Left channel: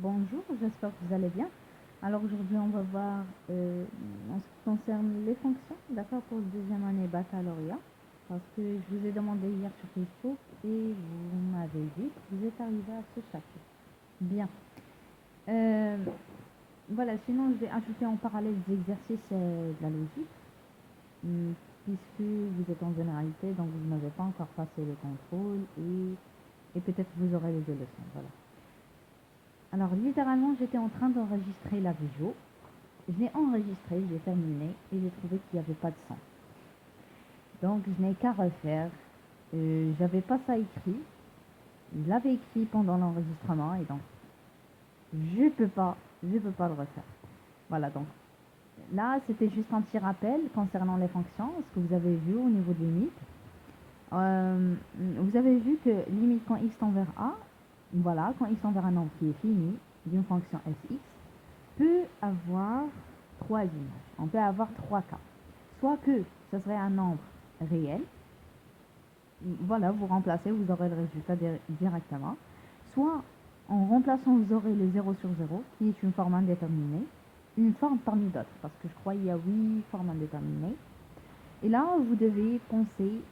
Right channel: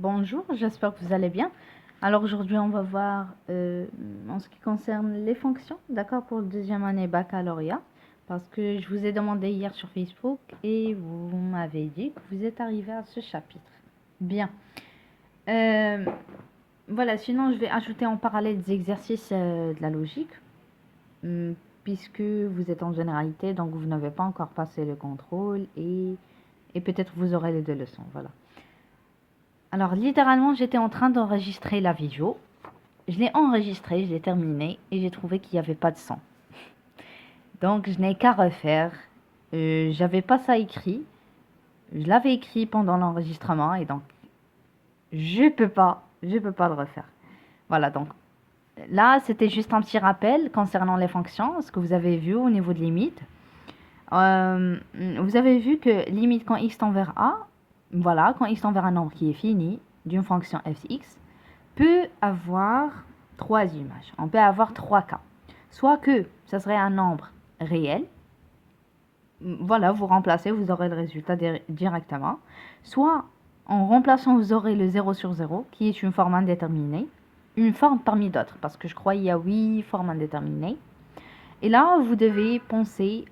Bonjour, j'espère que vous allez bien. Alors aujourd'hui, on va voir en ce qui concerne les fonctions, d'accord, pour le deuxième année baccalauréat, parce que je vous ai demandé hier sur Facebook et vous m'avez dit que vous êtes arrivé à ce chapitre. Bien. Euh, voilà, sinon je vais ajouter en parallèle des exercices de la logique, hum, puisque vous êtes en généralité, donc vous n'avez pas encore passé le contrôle et peut-être vous aurez les deux leçons, voilà. Alors, littéralement, j'étais en train d'enregistrer la vidéo. Je l'ai enregistrée, je l'ai terminée et j'ai trouvé qu'il n'y avait pas de son. Donc, je n'ai qu'à refaire. J'avais pas ça écrit. Je l'avais écrit pendant l'enregistrement et donc, je peux pas le refaire. Voilà, donc là, c'était juste un petit rappel concernant les fonctions, ce que vous avez vu au niveau de limite. Vous avez vu que limite quand x tend vers a, voilà, quand x tend vers un nombre qui est fini d'une fonction fx, peut avoir trois images. On peut avoir trois cas. Soit que ça serait un nombre réel. Voilà, vous remplacez, vous aurez le résultat directement. Soit en remplaçant, vous aurez le 0 sur 0, qui est une forme indéterminée. Une forme parmi d'autres, parce que je crois qu'il y a 8 formes indéterminées. Et là, vous devez penser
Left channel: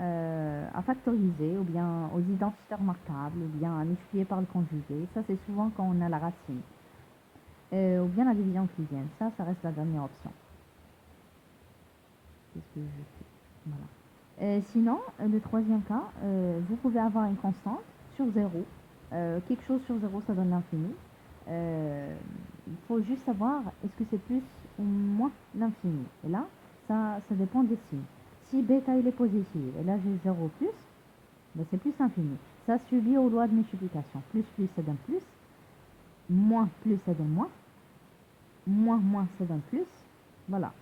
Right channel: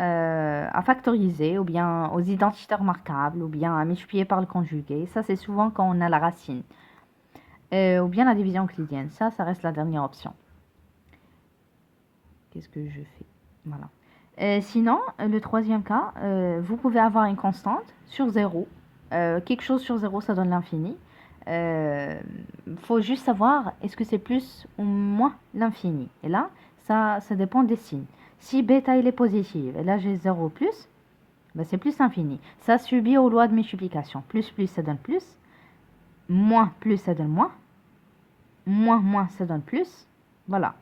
à factoriser, ou bien aux identités remarquables, ou bien à multiplier par le conjugué. Ça, c'est souvent quand on a la racine. Ou bien la division euclidienne. Ça reste la dernière option. Qu'est-ce que je fais? Voilà. Sinon, le troisième cas, vous pouvez avoir une constante sur 0. Quelque chose sur 0, ça donne l'infini. Faut juste savoir, est-ce que c'est plus ou moins l'infini? Et là, ça dépend des signes. Si bêta il est positif, et là j'ai 0 plus, ben c'est plus l'infini. Ça subit aux lois de multiplication. Plus, ça donne plus. Moins, plus, ça donne moins. Moins, ça donne plus. Voilà.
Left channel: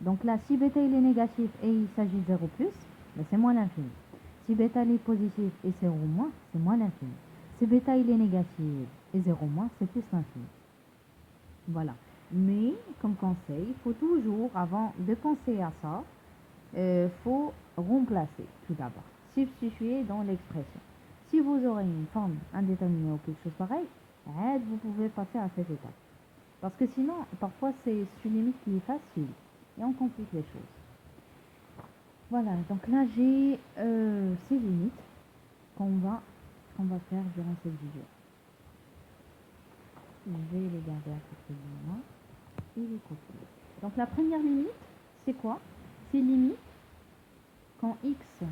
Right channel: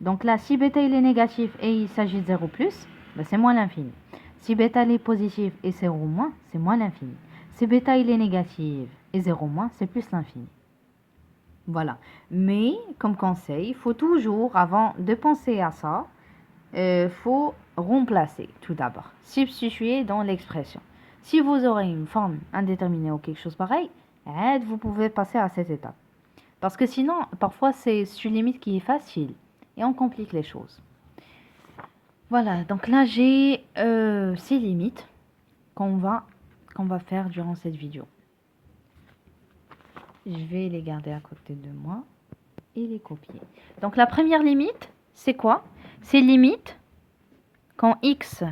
Donc là, si bêta il est négatif et il s'agit de 0 plus, ben c'est moins l'infini. Si bêta il est positif et 0 moins, c'est moins l'infini. Si bêta il est négatif et 0 moins, c'est plus l'infini. Voilà. Mais, comme conseil, il faut toujours, avant de penser à ça, faut remplacer tout d'abord. Substituer dans l'expression. Si vous aurez une forme indéterminée ou quelque chose pareil, vous pouvez passer à cette étape. Parce que sinon, parfois, c'est une limite qui est facile et on complique les choses. Voilà, donc là, j'ai ces limites qu'on va faire durant cette vidéo. Je vais les garder à côté de moi et les copier. Donc la première limite, c'est quoi? C'est limite quand x,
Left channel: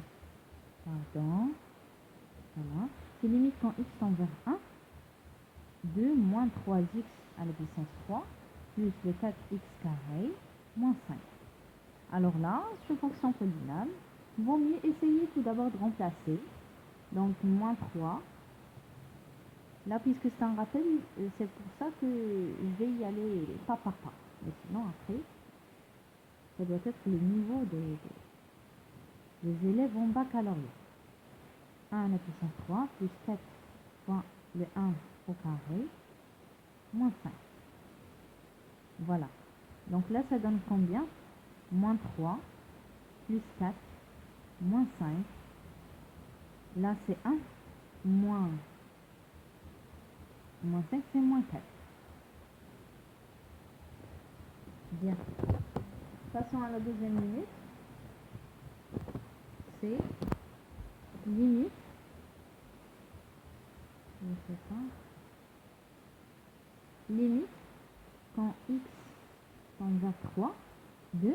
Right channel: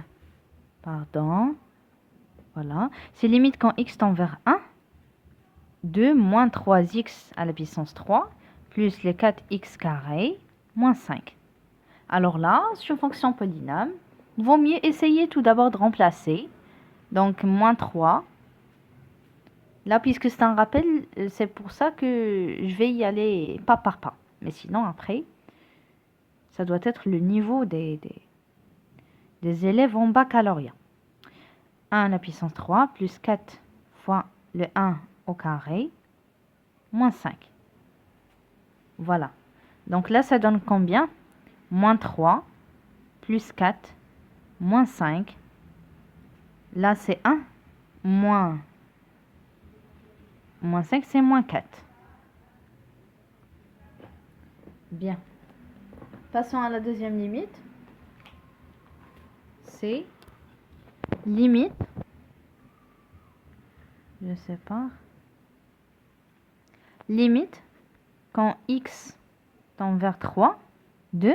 voilà, c'est limite quand x tend vers 1 de moins 3x à la puissance 3 plus les 4x carré moins 5. Alors là, sur fonction polynôme, vaut mieux essayer tout d'abord de remplacer. Donc, moins 3. Là, puisque c'est un rappel, c'est pour ça que je vais y aller pas par pas. Mais sinon, après, ça doit être le niveau des élèves en baccalauréat. 1 à la puissance 3 plus 4 fois le 1 au carré moins 5. Voilà. Donc là, ça donne combien? Moins 3 plus 4 moins 5. Là, c'est 1 moins 5, c'est moins 4. Bien. Passons à la deuxième limite. C'est limite, je sais pas, limite quand x tend vers 3 de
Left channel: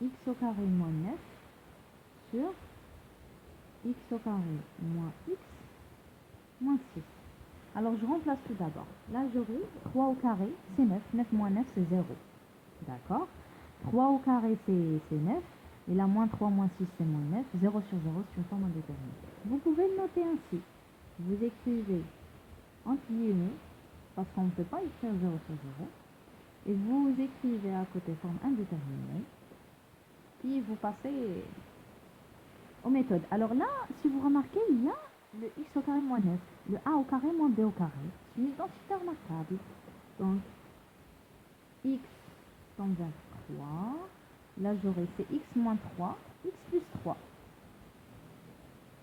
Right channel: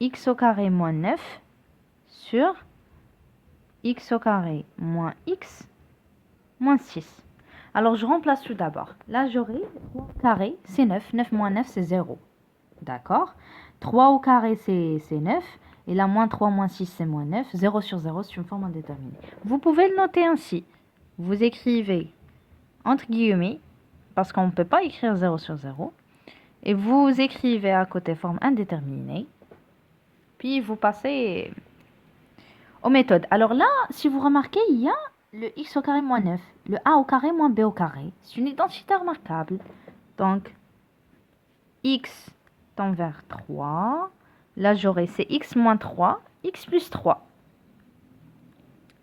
x au carré moins 9 sur x au carré moins x moins 6. Alors je remplace tout d'abord. Là j'aurai 3 au carré, c'est 9. 9 moins 9 c'est 0. D'accord? 3 au carré c'est 9. Et là moins 3 moins 6 c'est moins 9. 0 sur 0 c'est une forme indéterminée. Vous pouvez le noter ainsi. Vous écrivez entre guillemets, parce qu'on ne peut pas écrire 0 sur 0. Et vous écrivez à côté forme indéterminée. Puis vous passez aux méthodes. Alors là, si vous remarquez, il y a le x au carré moins 9, le a au carré moins b au carré. C'est une identité remarquable. Donc, x tend vers 3. Là, j'aurai c'est x moins 3, x plus 3.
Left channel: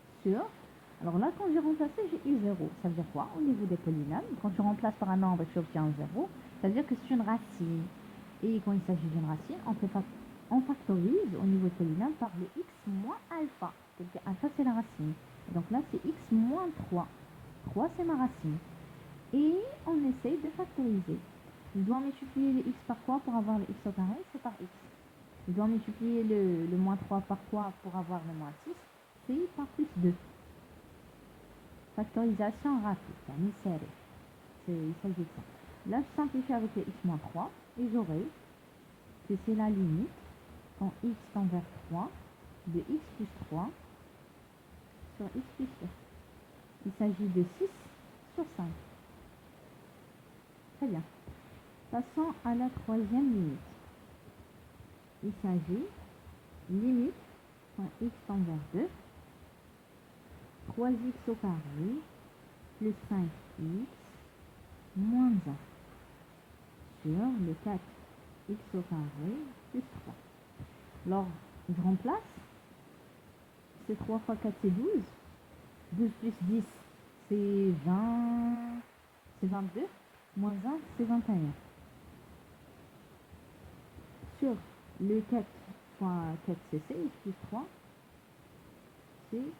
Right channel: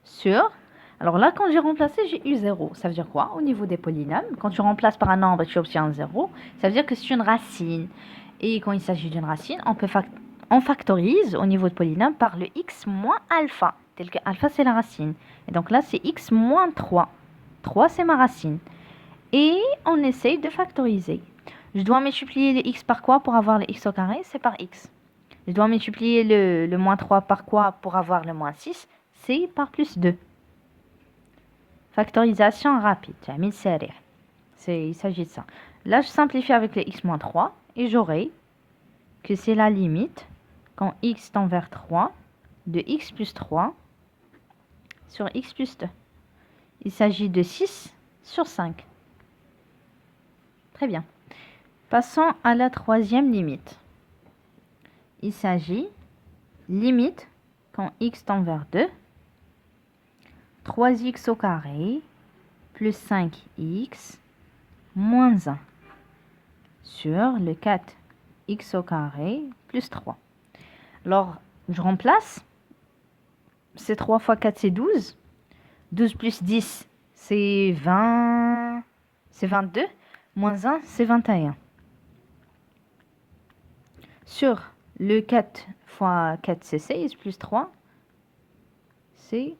Sur, Alors là, quand j'ai remplacé, j'ai eu 0. Ça veut dire quoi? Au niveau des polynômes, quand tu remplaces par un nombre et tu obtiens 0, ça veut dire que c'est une racine. Et quand il s'agit d'une racine, on factorise au niveau de polynôme par le x moins alpha, tel que alpha c'est la racine. Et donc là, c'est x moins 3. 3, c'est ma racine. Et on essaye de factoriser. Je dois multiplier le x par quoi pour avoir le x au carré? C'est par x. Je dois multiplier le moins 3 par quoi pour avoir le moins 6? C'est par plus 2. Factorisation rapide. Il s'agit de ça. Là, je simplifie avec le x moins 3 et j'aurai que c'est la limite quand x tend vers 3 de x plus 3 sur x plus 2. Il s'agit de 6 sur 5. Très bien. Passons à la troisième limite. Il s'agit limite quand x tend vers 2, 3x au carré plus 5x moins 1 sur le 4x au carré plus 3. Alors, je remplace. C'est 3 fois 4, c'est 12. 12 plus 10, c'est 20. C'est 22. Moins 1, c'est 21. Sur le 4 fois 4, c'est 16. Plus 3, c'est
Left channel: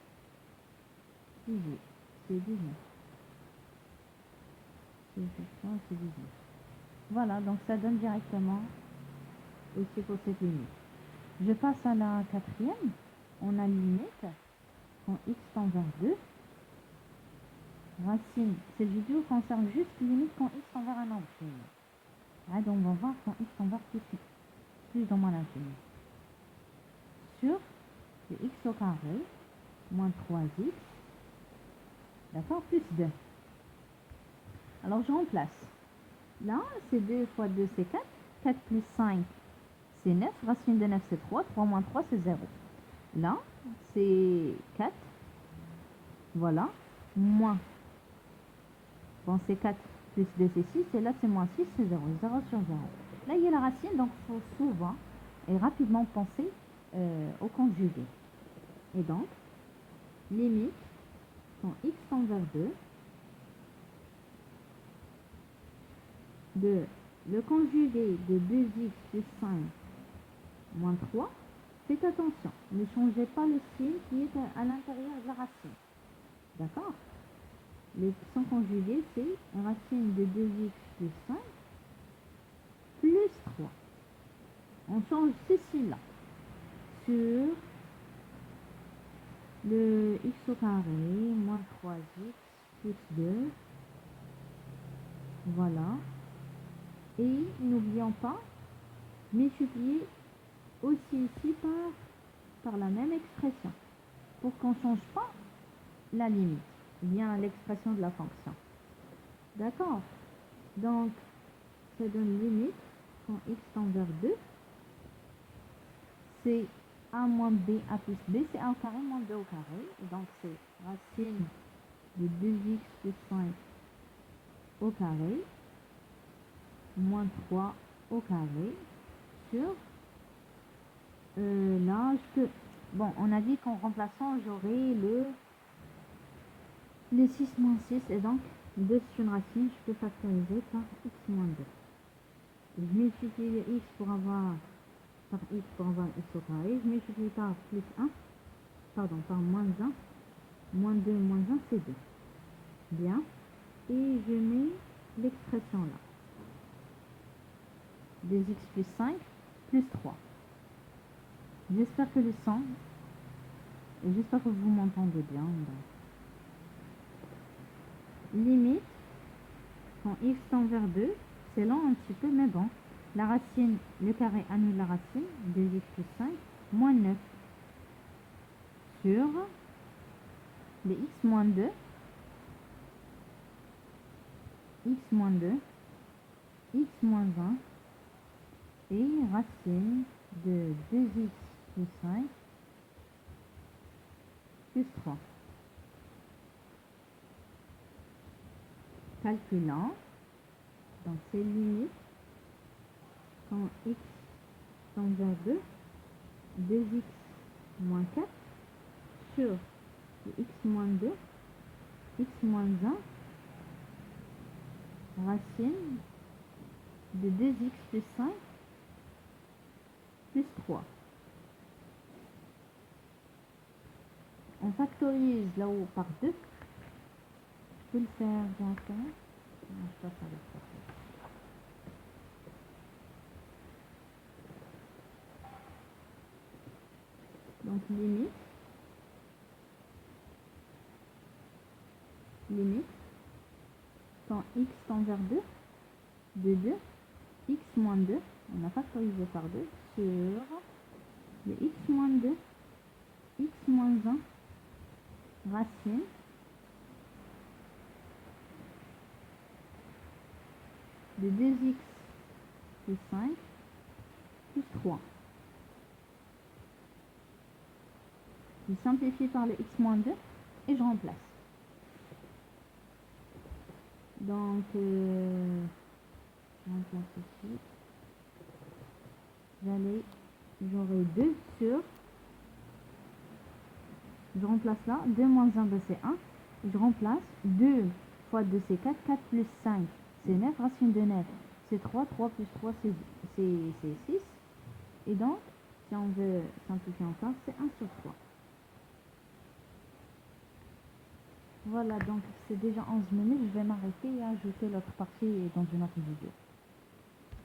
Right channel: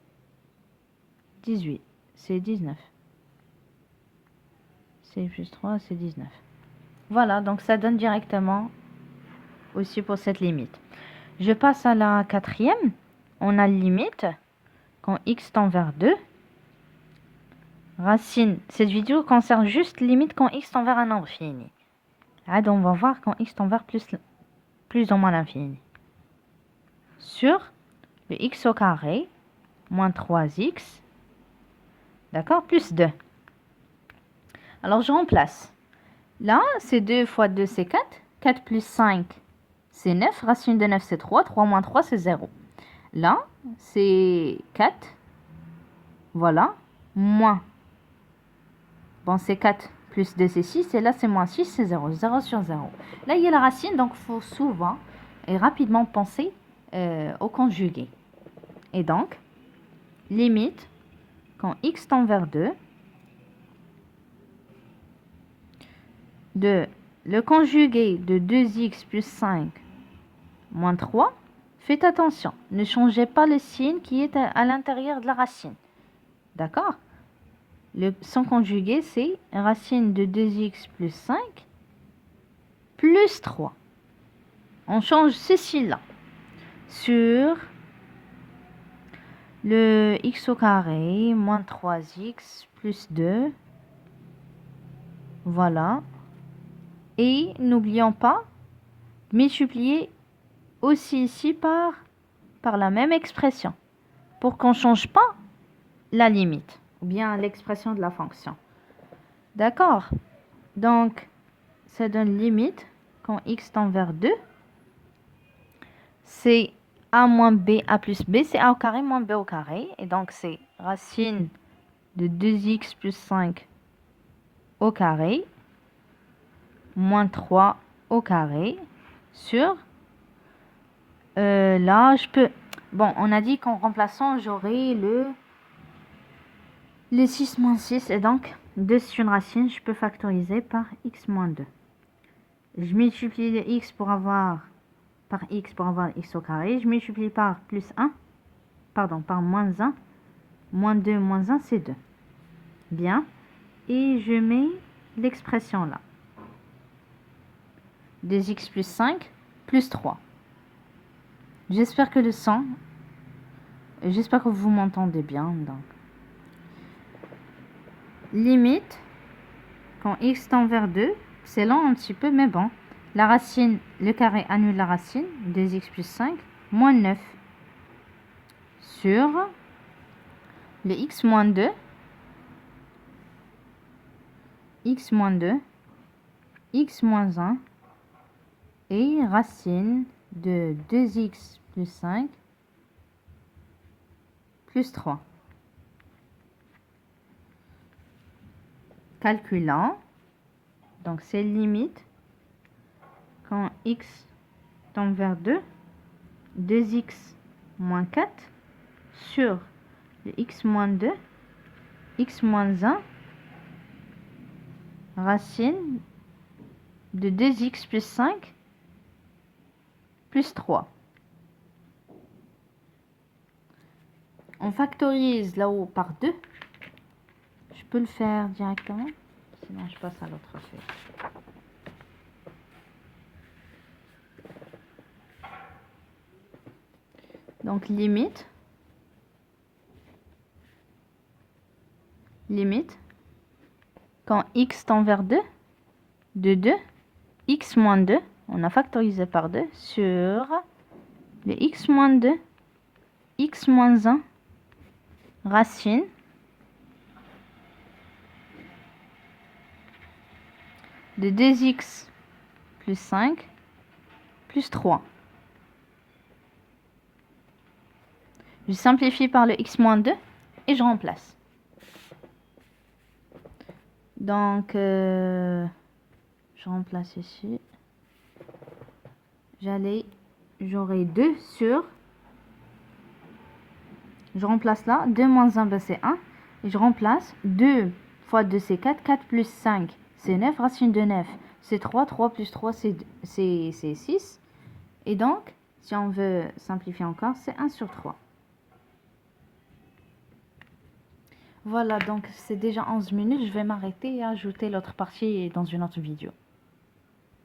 18. C'est 19. 16 plus 3, c'est 19. Voilà, donc ça donne directement aussi pour cette limite. Je passe à la quatrième. On a limite quand x tend vers 2. Racine. Cette vidéo concerne juste limite quand x tend vers un nombre fini. Là, on va voir quand x tend vers plus ou moins l'infini. Sur le x au carré moins 3x. D'accord? Plus 2. Alors, je remplace. Là, c'est 2 fois 2, c'est 4. 4 plus 5, c'est 9. Racine de 9, c'est 3. 3 moins 3, c'est 0. Là, c'est 4. Voilà. Moins. Bon, c'est 4 plus 2, c'est 6. Et là, c'est moins 6, c'est 0. 0 sur 0. Là, il y a la racine, donc il faut souvent et rapidement penser au conjugué. Et donc, limite, quand x tend vers 2, de le conjugué de 2x plus 5 moins 3, faites attention, ne changez pas le signe qui est à l'intérieur de la racine. D'accord? Son conjugué, c'est racine de 2x plus 5 plus 3. On change ceci là sur le x au carré moins 3x plus 2. Voilà. Et n'oublions pas de multiplier aussi ici par la même expression pour qu'on ne change pas la limite ou bien l'expression de la fonction. D'accord? Donc, ça donne limite quand x tend vers 2. C'est a moins b, a plus b, c'est a au carré moins b au carré. Et donc, c'est racine de 2x plus 5 au carré moins 3 au carré sur... là, je peux... Bon, on a dit qu'en remplaçant, j'aurai le 6 moins 6. Et donc, 2 c'est une racine, je peux factoriser par x moins 2. Je multiplie le x pour avoir... par x pour avoir x au carré. Je multiplie par plus 1. Pardon, par moins 1. Moins 2, moins 1, c'est 2. Bien. Et je mets l'expression là. 2x plus 5 plus 3. J'espère que j'espère que vous m'entendez bien. Donc. Limite, quand x tend vers 2, c'est lent un petit peu, mais bon. La racine, le carré annule la racine, 2x plus 5, moins 9. Sur le x moins 2, x moins 2, x moins 1, et racine de 2x plus 5 plus 3. Calculant, donc c'est limite quand x tend vers 2, 2x moins 4 sur le x moins 2 x moins 1 racine de 2x plus 5 plus 3. On factorise là-haut par 2. Je peux le faire directement, sinon je passe à l'autre feuille. Donc limite, quand x tend vers 2, de 2, x moins 2, on a factorisé par 2, sur le x moins 2, x moins 1, racine de 2x plus 5 plus 3. Je simplifie par le x moins 2 et je remplace. Donc, je remplace ici. J'aurai 2 sur... Je remplace là. 2 moins 1, ben c'est 1. Et je remplace 2 fois 2, c'est 4. 4 plus 5, c'est 9. Racine de 9, c'est 3. 3 plus 3, c'est 6. Et donc, si on veut simplifier encore, c'est 1 sur 3. Voilà, donc c'est déjà 11 minutes. Je vais m'arrêter et ajouter l'autre partie dans une autre vidéo.